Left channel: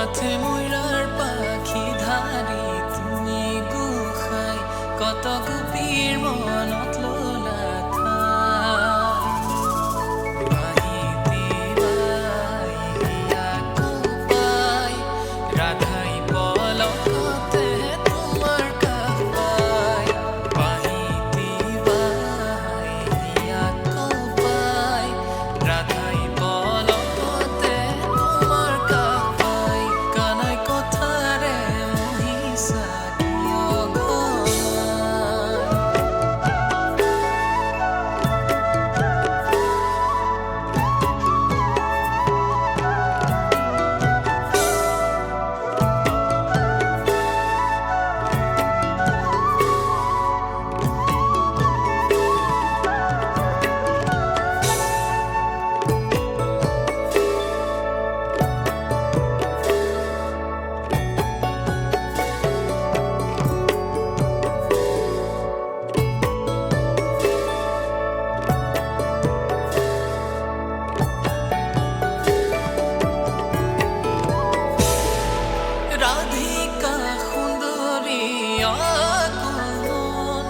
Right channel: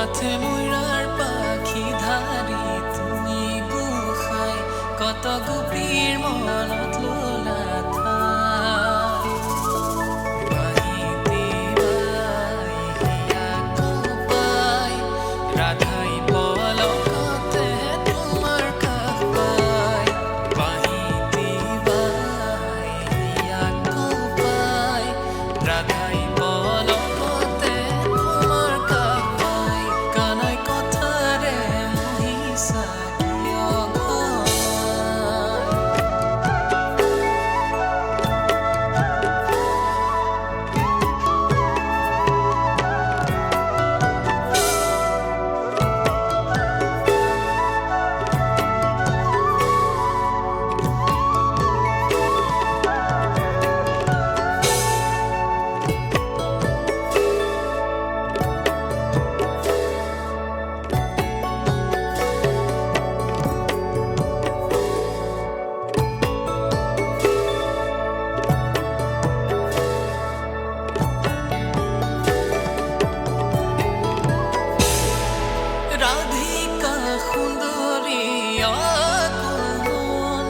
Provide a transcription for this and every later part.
মাথে ময়ূরার পাখি ধারি তুমি গুখাই কত গুপির মনত লোলা ঠাই বাহিতি বাই হিয়া কোপাই রাধাই পলকতে তোমার কাষ পাই বাহিতি বাই হিয়া কোপাই রাধাই পলকতে তোমার কাষ পাই কানাই কথারে মহিষা কিয় ঘনাই রাধিকা সুন্দরী আকুল মন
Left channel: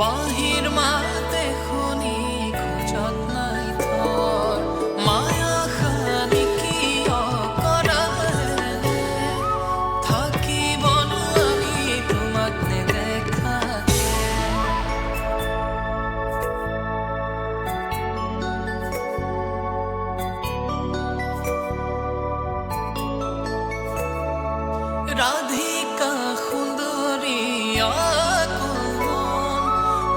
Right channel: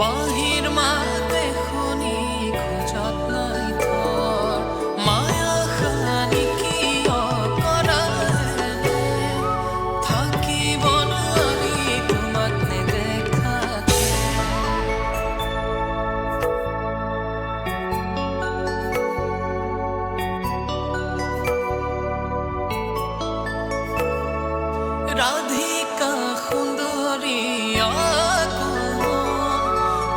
বাহির মাতে শুনি খোজত নাই থৰ মায়া খানি কিয় কৰা হেনে থাকিব নোৱাৰি তোমাক নেদেখাকে রাধিকা সুন্দরী আকুল মন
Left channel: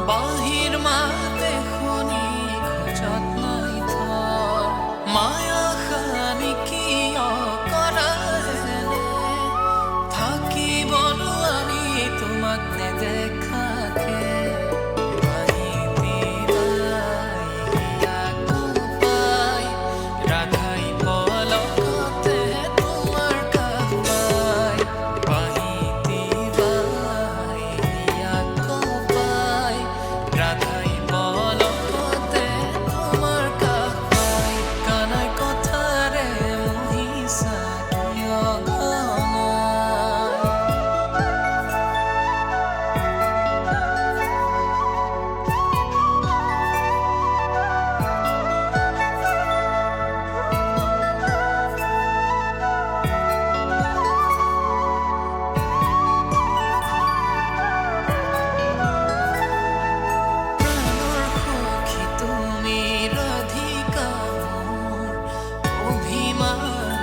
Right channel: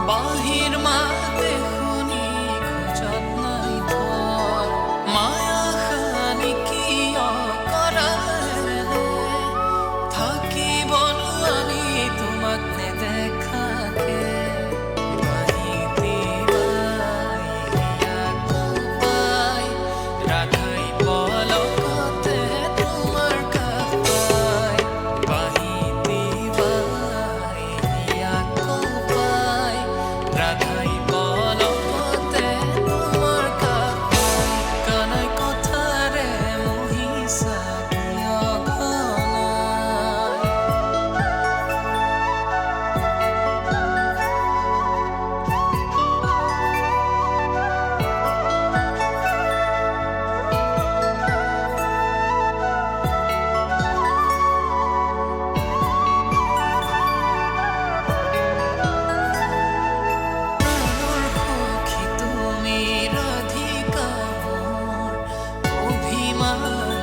বাহির মাতে শুনি খোজত নাই থৰ মায়া খানি কিয় কৰা হেনে থাকিব নোৱাৰি তোমাক নেদেখাকে বাহিতি বাই হিয়া কোপাই ৰাধাই পলকতে তোমাৰ কাষ পাই বাহিতি বাই হিয়া কোপাই ৰাধাই পলকতে তোমাৰ কাষ পাই কানাই কথাৰে মহিষা কিয় ঘনাই প্ৰাণৰ সখী তুমি ৰাধিকা মোৰ অভিমান